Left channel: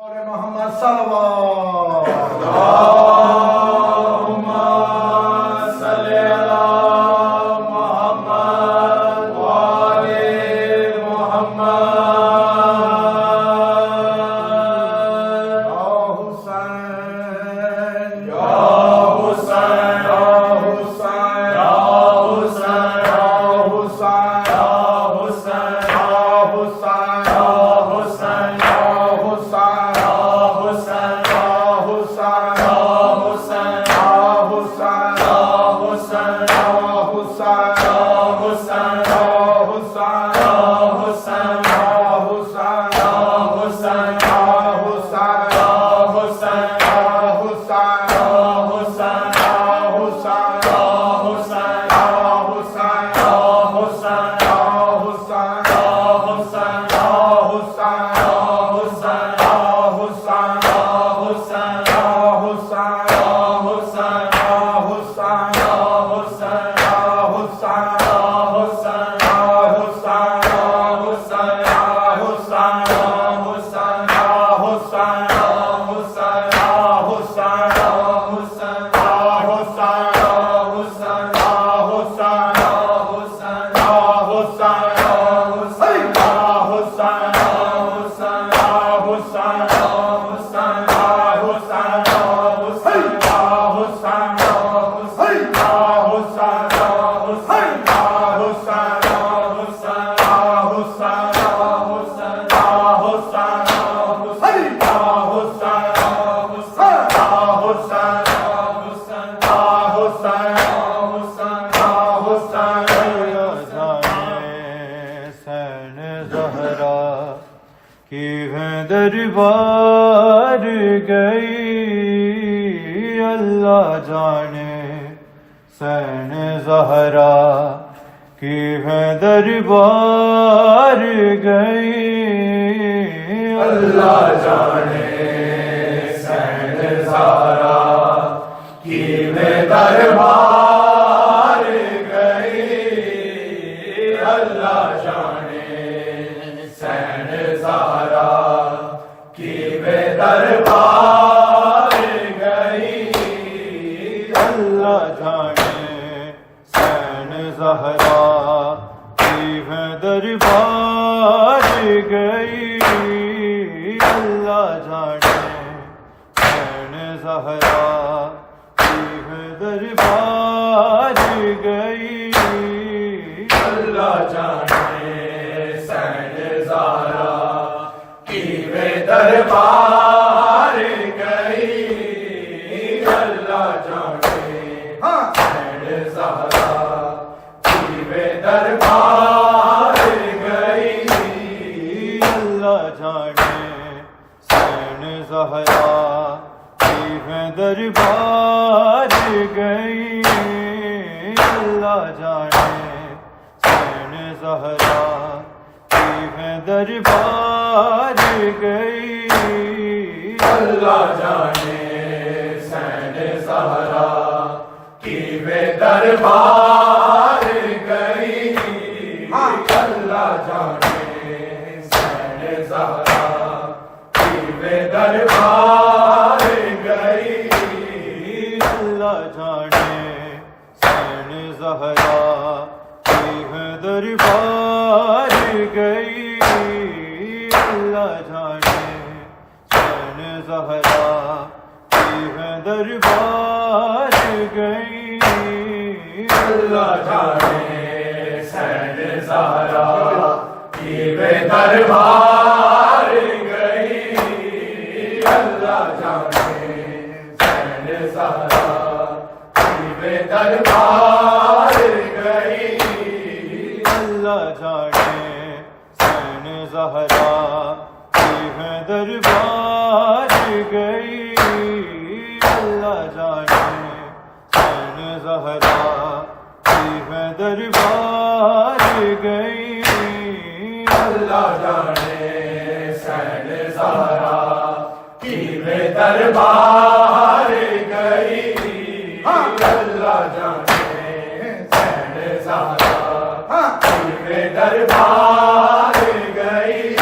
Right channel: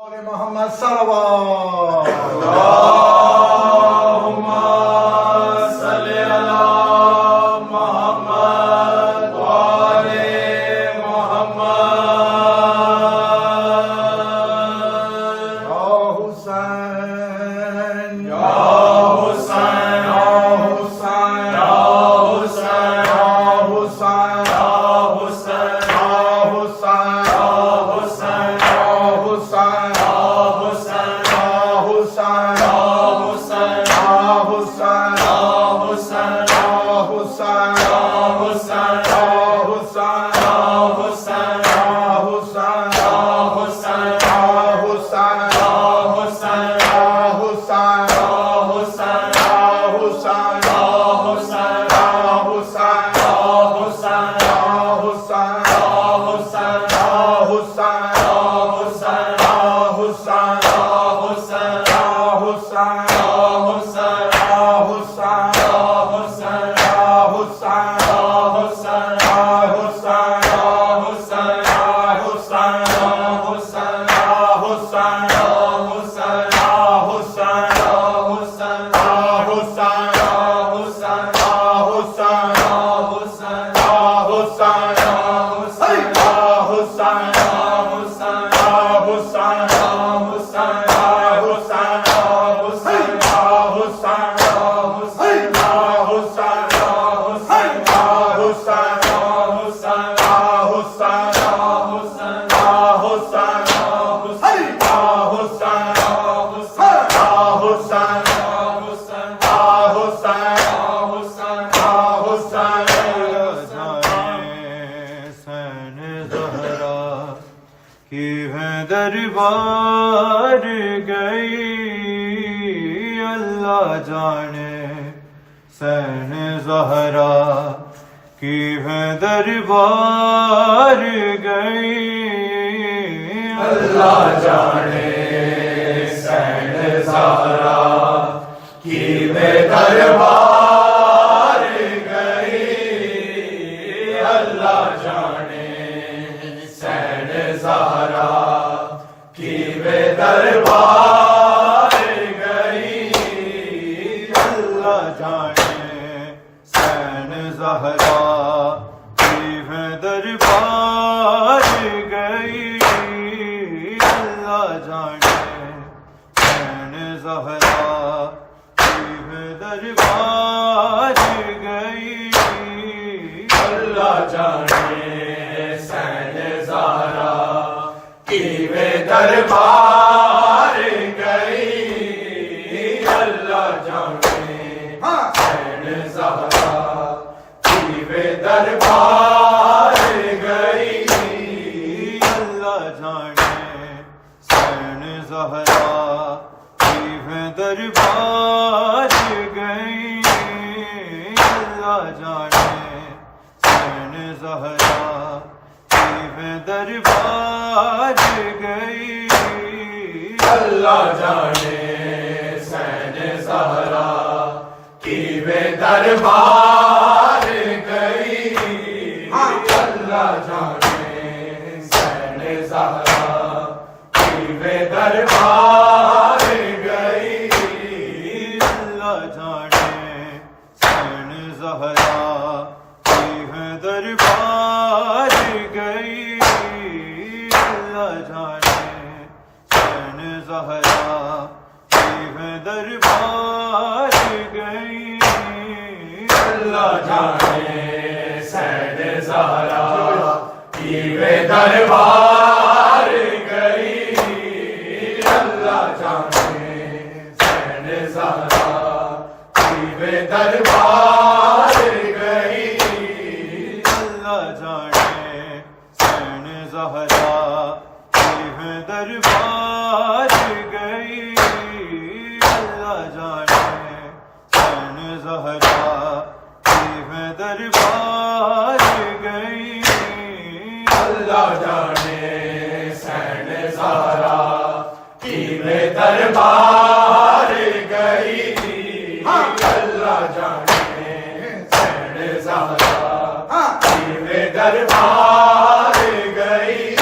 محمد صلوات اللهم صل على محمد وآل محمد یا حسین یا حسین یا حسین یا حسین یا حسین یا حسین یا حسین یا حسین یا حسین دربار گئی اللہ جانے حسین زہرا کی ہے دربار گئی اللہ جانے حسین زہرا کی ہے دربار گئی اللہ جانے حسین زہرا کی بے دربار گئی اللہ جانے حسین زہرا کی ہے دربار گئی اللہ جانے حسین زہرا کی ہے دربار گئی اللہ جانے حسین زہرا کی بے دربار گئی اللہ جانے حسین زہرا کی بے دربار گئی اللہ جانے حسین زہرا کی ہے دربار گئی اللہ جانے حسین زہرا کی ہے دربار گئی اللہ جانے حسین زہرا کی بے دربار گئی اللہ جانے حسین زہرا کی بے دربار گئی اللہ جانے حسین زہرا کی ہے دربار گئی اللہ جانے حسین زہرا کی ہے دربار گئی اللہ جانے حسین زہرا کی بے دربار گئی اللہ جانے حسین زہرا کی بے دربار گئی اللہ جانے حسین زہرا کی ہے دربار گئی اللہ جانے حسین زہرا کی ہے دربار گئی اللہ جانے حسین زہرا کی بے دربار گئی اللہ جانے حسین زہرا کی بے دربار گئی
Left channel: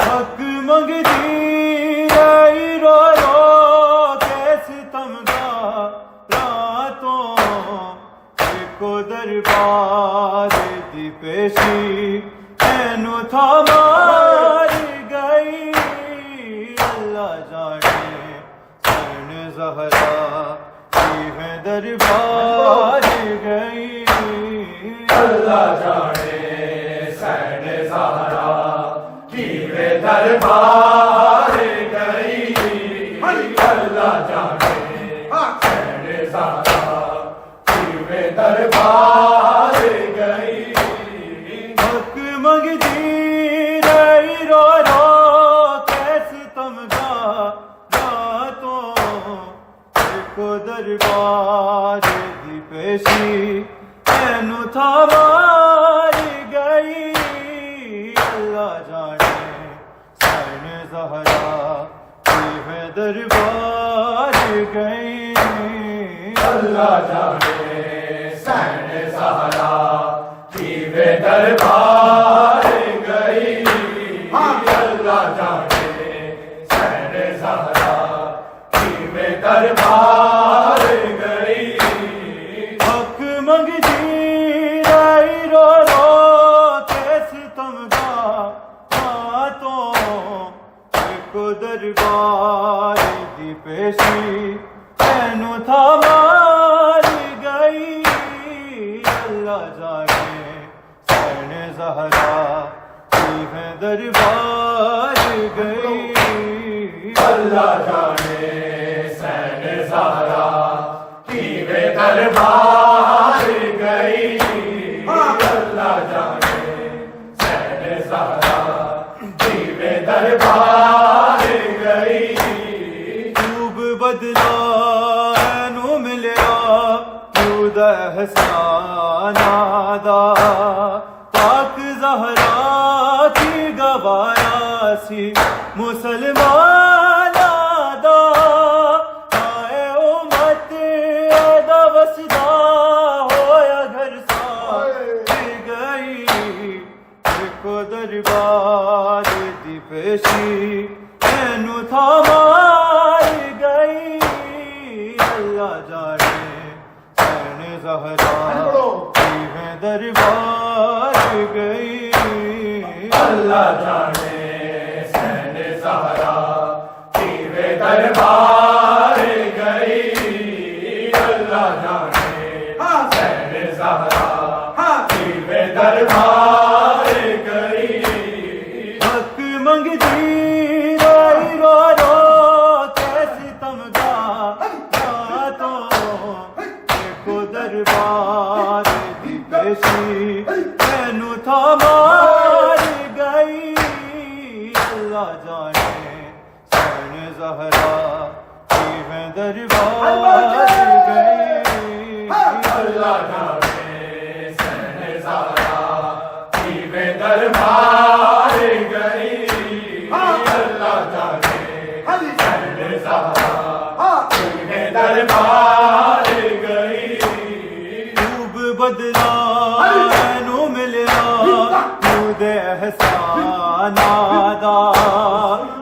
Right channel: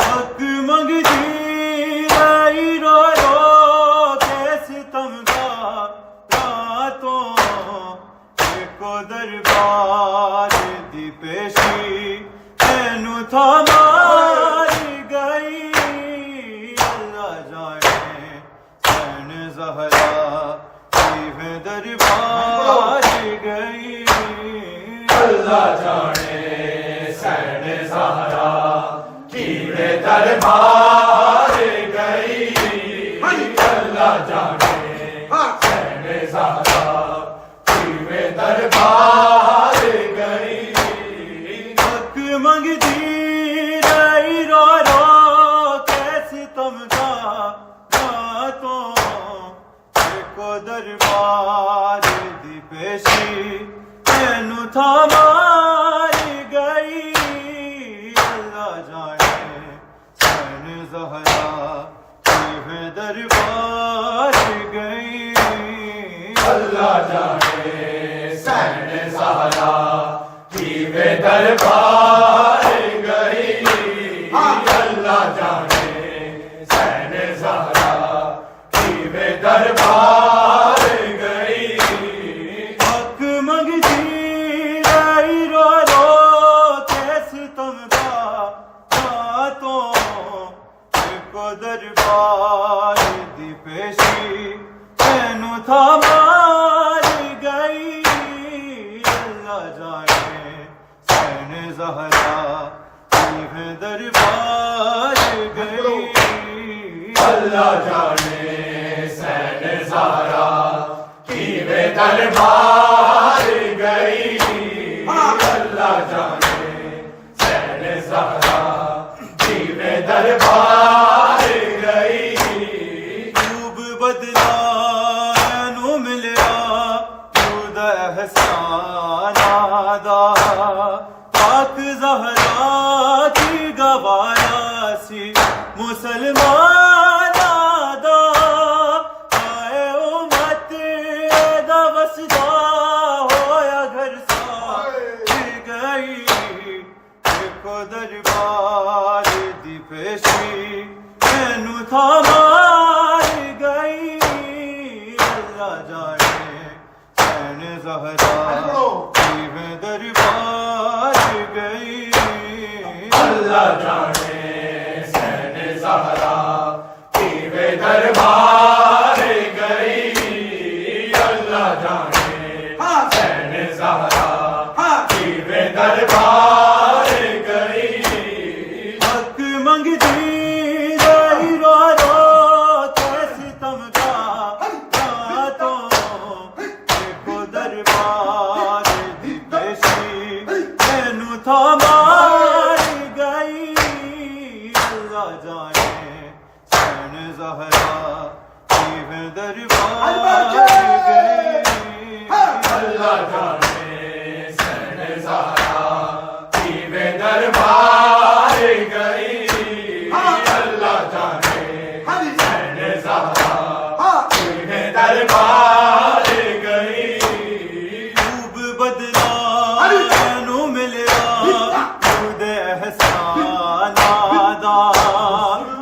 حق منگتی دربار گئی اللہ جانے حسین زہرا میں دربار گئی حق منگتی رہی رو رو کیسے تم تو کو دربار دی پیشی تینو تھا ماری گئی اللہ جانے حسین زہرا میں دربار گئی اللہ جانے حسین زہرا کی میں دربار گئی اللہ جانے حسین زہرا کی میں دربار گئی حق منگتی رہی رو رو کیسے تم تو کو دربار دی پیشی تینو تھا ماری گئی اللہ جانے حسین زہرا کی میں دربار گئی اللہ جانے حسین زہرا کی میں دربار گئی اللہ جانے حسین زہرا کی میں دربار گئی خوب بدلا نو ملیا خود احسان آدا پاک زہرا کی گوایا سی مسلمان آدا آئے امت ایدا وسدا ہویا گھر سا گئی کو دربار دی پیشی تینو تھا ماری گئی اللہ جانے حسین زہرا کی میں دربار گئی اللہ جانے حسین زہرا کی میں دربار گئی اللہ جانے حسین زہرا کی میں دربار گئی حق منگتی رہی رو رو کیسے تم تو کو دربار دی پیشی تینو تھا ماری گئی اللہ جانے حسین زہرا کی میں دربار گئی اللہ جانے حسین زہرا کی میں دربار گئی اللہ جانے حسین زہرا کی میں دربار گئی خوب بدلا نو ملیا خود احسان آدا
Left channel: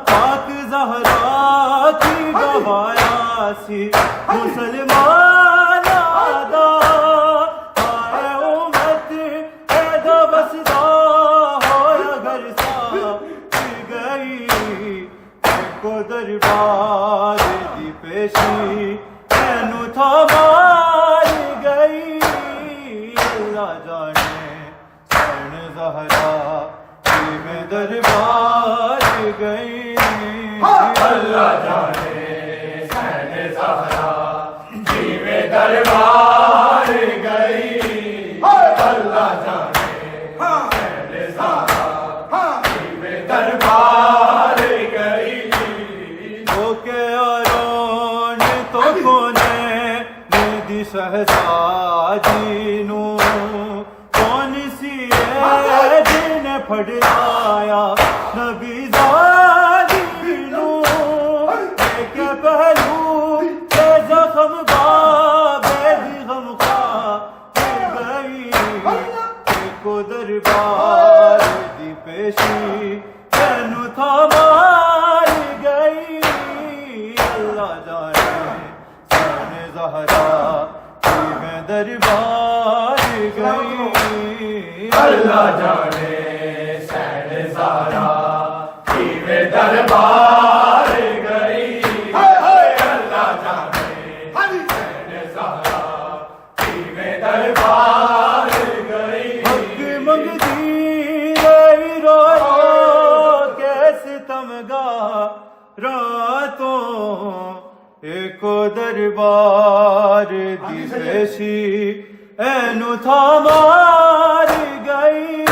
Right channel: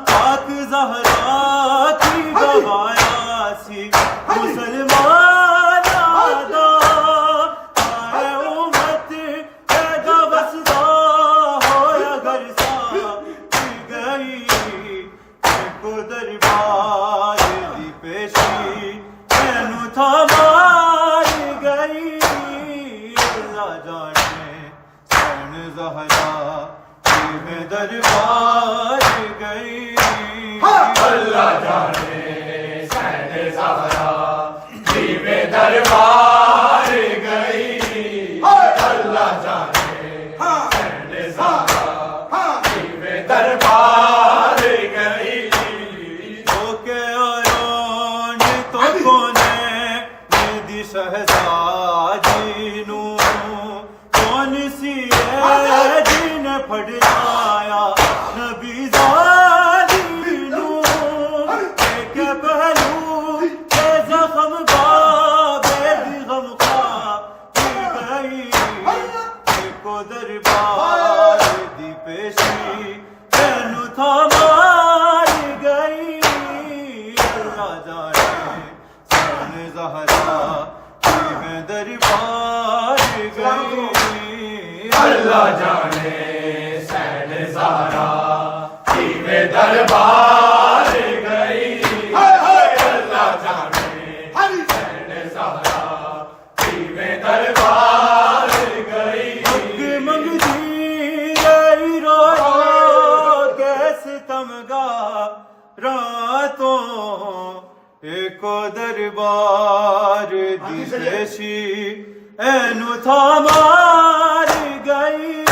پاک زہرا کی گوایا سی مسلمان آدا آئے امت ایدا وسدا ہویا گھر سا گئی کو دربار دی پیشی تینو تھا ماری گئی اللہ جانے حسین زہرا کی میں دربار گئی اللہ جانے حسین زہرا کی میں دربار گئی اللہ جانے حسین زہرا کی میں دربار گئی اوکے آرون تو کونے دی شہزادی نو کون سی ہے جن پھڑ لایا نبی زادی نو ایک پہلو کے زخم باب غم خواہ گئی کو دربار دی پیشی تینو تھا ماری گئی اللہ جانے حسین زہرا کی میں دربار گئی اللہ جانے حسین زہرا کی میں دربار گئی اللہ جانے حسین زہرا کی میں دربار گئی حق منگتی رہی رو رو کیسے پیشی اینو تھا مار گئی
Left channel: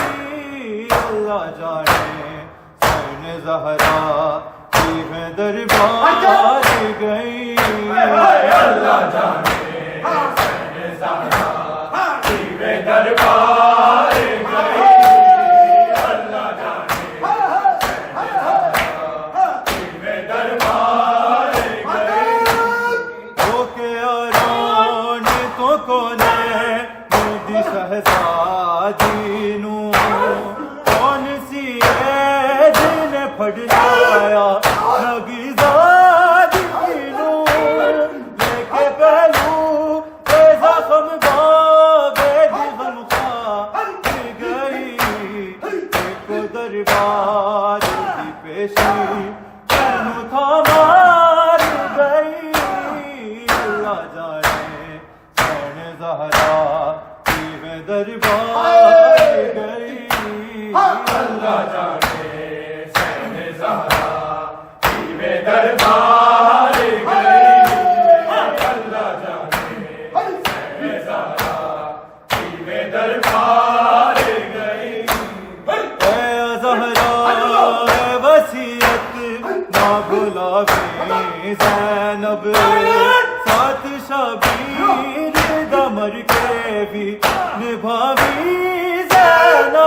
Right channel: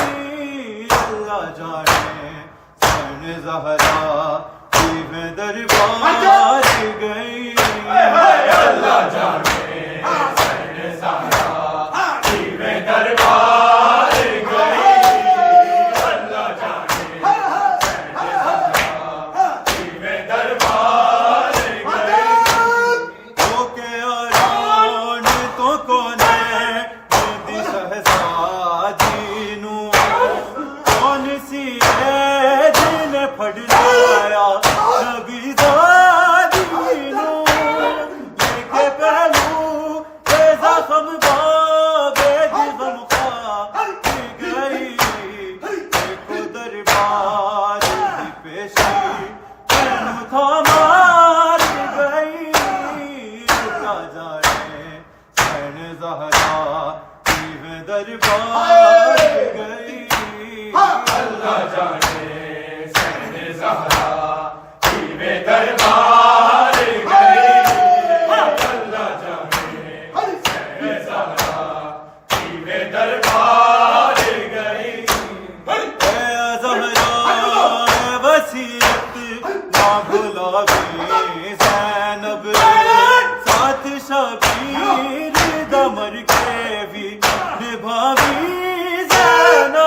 اللہ جانے سن زہرا کی میں دربار گئی اللہ جانے سن زہرا کی میں دربار گئی اللہ جانے سن زہرا کی میں دربار گئی تو کے آران تو کونے مردی شہزادی نو کون سی ہے جن پھڑ لایا نگی زادی نو لے کے پہلو اے زخم باب دل خواہ گئی ایک دربار کی پیشی اینو تھا مار گئی اللہ جانے سن زہرا کی میں دربار گئی اللہ جانے سن زہرا کی میں دربار گئی اللہ جانے سن زہرا کی میں دربار گئی اے زہرا وصیت نہ بھلاوی زینب ساتھ شبیر دمر کے بھی نبھاوی زینب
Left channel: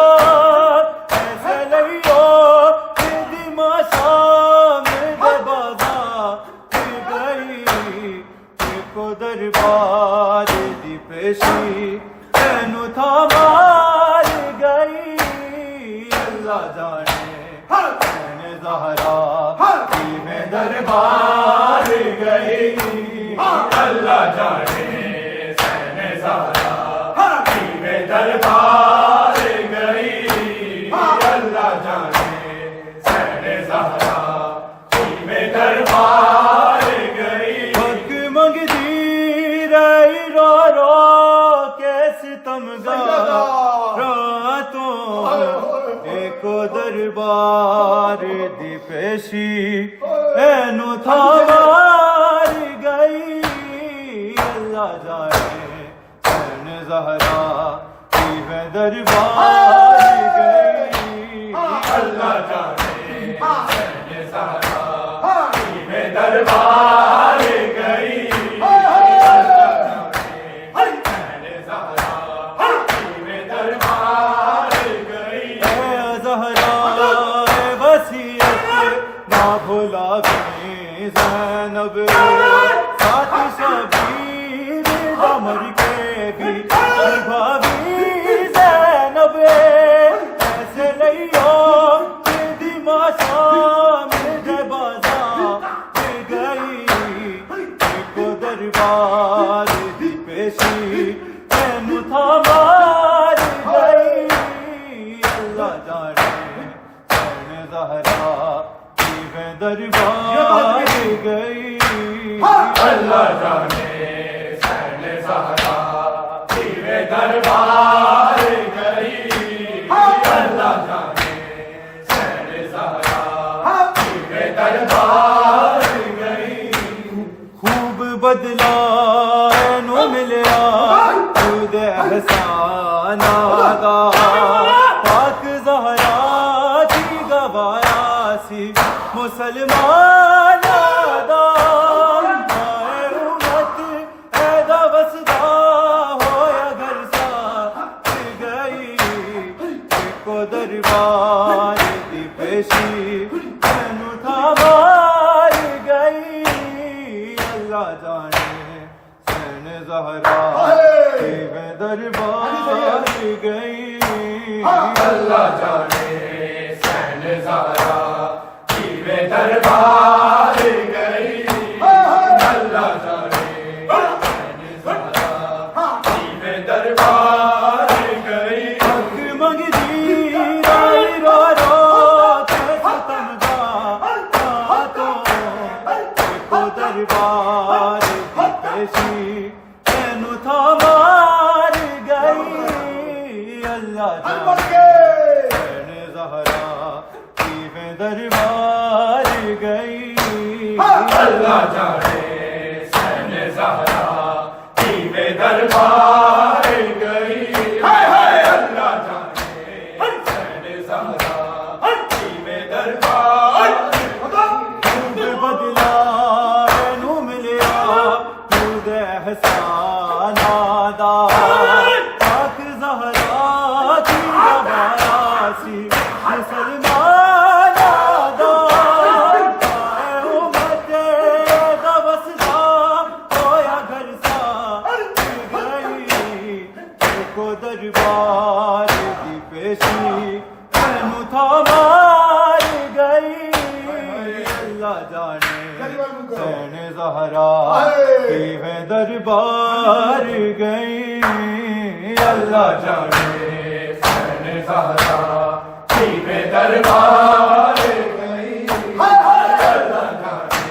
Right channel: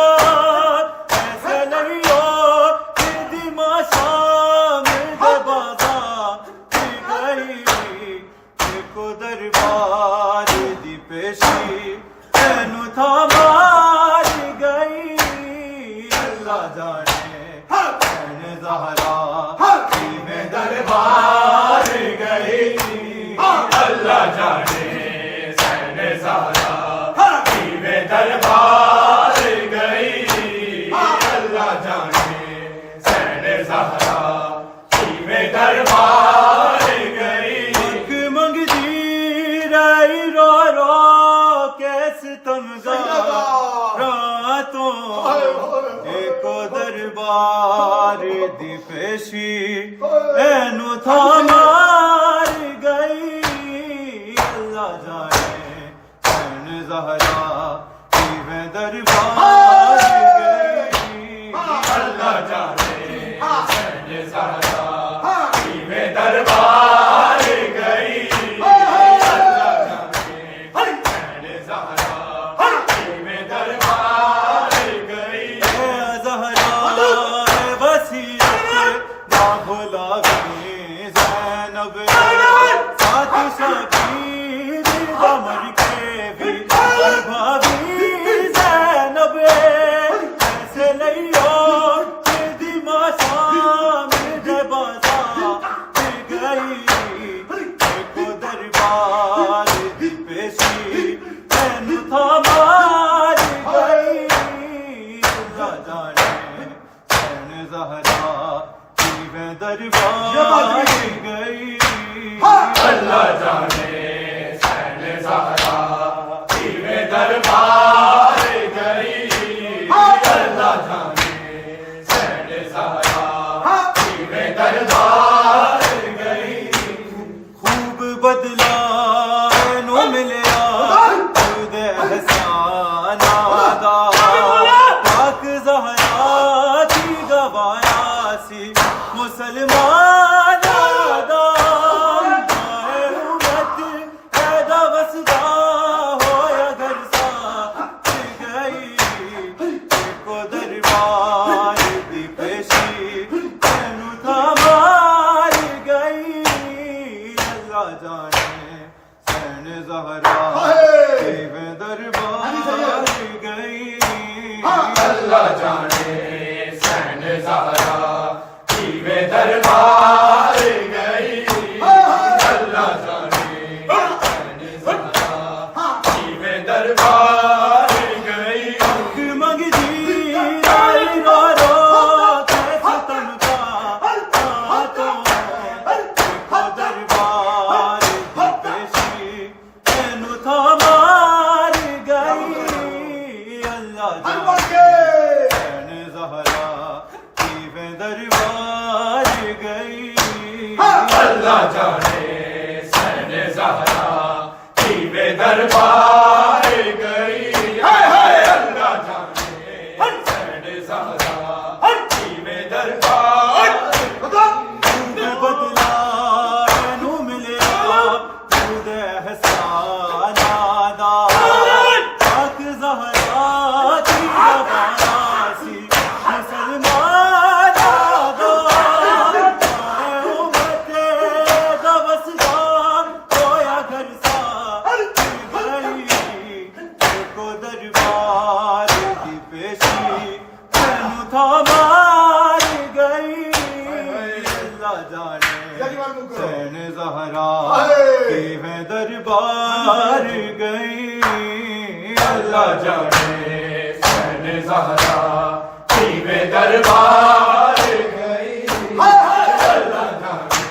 ایسے لئیو دی ماشا میں بازا گئی کو دربار دی پیشی اینو تھا مار گئی اللہ جانے سن زہرا کی میں دربار گئی اللہ جانے سن زہرا کی میں دربار گئی اللہ جانے سن زہرا کی میں دربار گئی حق منگتی رہی رو رو کیسے تم راتوں ایک دربار دی پیشی اینو تھا مار گئی اللہ جانے سن زہرا کی میں دربار گئی اللہ جانے سن زہرا کی میں دربار گئی اللہ جانے سن زہرا کی میں دربار گئی اے زہرا وصیت نہ بھلاوی زینب ساتھ شبیر دمر کے بھی نبھاوی زینب ایسے لئیو دی ماشا میں بازا گئی ایک دربار دی پیشی اینو تھا مار گئی اللہ جانے سن زہرا کی میں دربار گئی اللہ جانے سن زہرا کی میں دربار گئی اللہ جانے سن زہرا کی میں دربار گئی خوب بدلا نو ملیا خود احسان آگا پاک زہرا کی گوایا سی مسلمان آگا مائے امت ایدہ وسدا ہو اگر ساتھ گئی کو دربار دی پیشی اینو تھا مار گئی اللہ جانے سن زہرا کی میں دربار گئی اللہ جانے سن زہرا کی میں دربار گئی اللہ جانے سن زہرا کی میں دربار گئی حق منگتی رہی رو رو کیسے تم راتوں کو دربار دی پیشی اینو تھا مار گئی اللہ جانے سن زہرا کی میں دربار گئی اللہ جانے سن زہرا کی میں دربار سین زہرا ہائے۔ کی ہے دربار گئی اللہ جانے سین زہرا کی میں دربار گئی اللہ جانے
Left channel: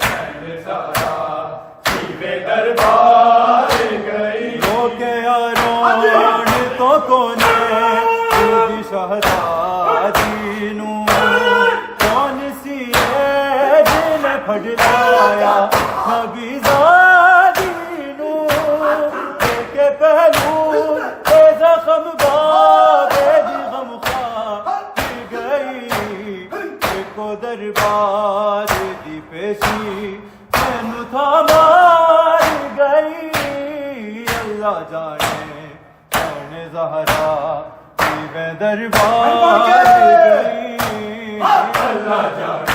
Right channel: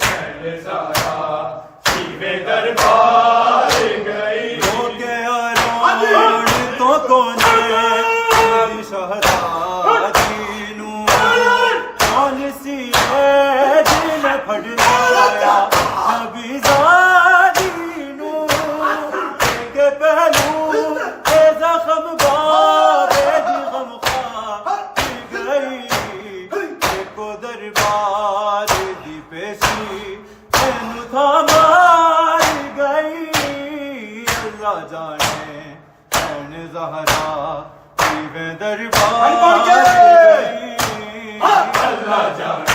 سین زہرا کی میں دربار گئی ہو گیا روڑتوں کو نیلی شہزادی نوں کون سی ہے دل پھڑ لایا نبی زادی نوں ایک پہلو اے زخم بار اے دی غم خار گئی ایک دربار دی پیشی تینو تھا مار گئی اللہ جانے سین زہرا کی میں دربار گئی اللہ جانے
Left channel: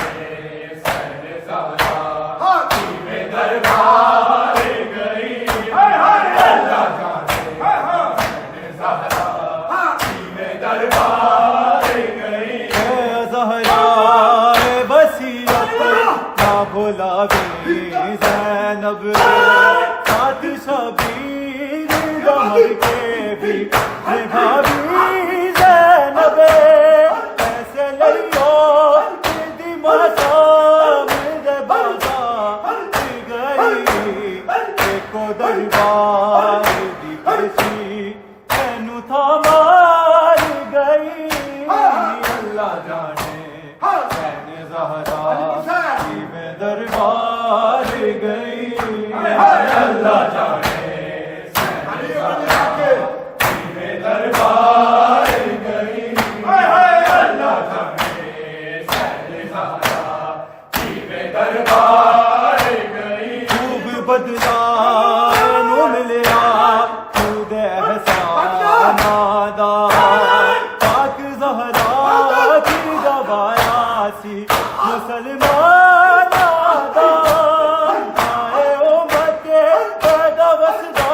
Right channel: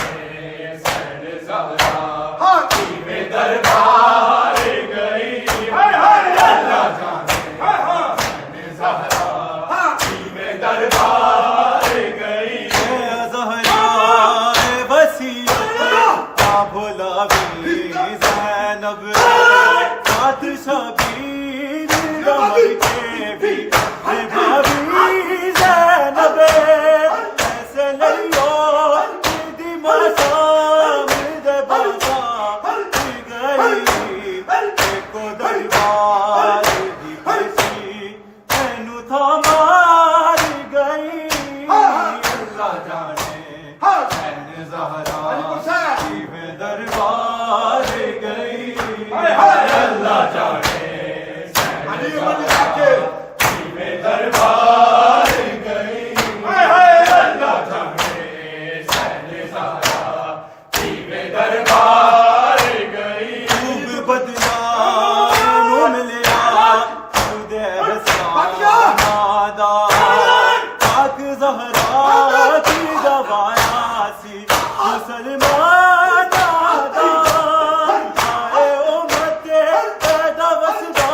سین زہرا کی میں دربار گئی اللہ جانے سین زہرا کی میں دربار گئی اے زہرا اے وسیعت نہ بھلاوی زینب ساتھ شبیر غم کے بھی نبھاوی زینب ایسے لئیو دی مسام دے بازا گئی ایک دربار دی پیشی تینو تھا مار گئی اللہ جانے سین زہرا کی میں دربار گئی اللہ جانے سین زہرا کی میں دربار گئی اللہ جانے سین زہرا کی میں دربار گئی خوب بدلا نو ملیا خود احسان نادا پاک زہرا کی دوایا سی مسلمان نادا آئے امت پیدا وسدا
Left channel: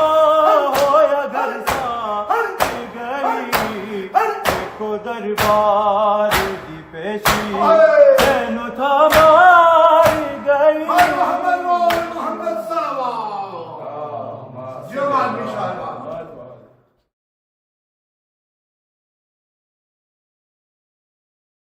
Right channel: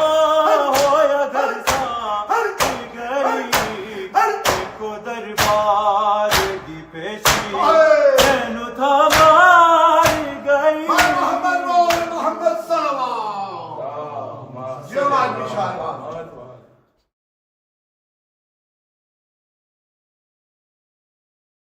ہویا گھر سا گئی ایک دربار دی پیشی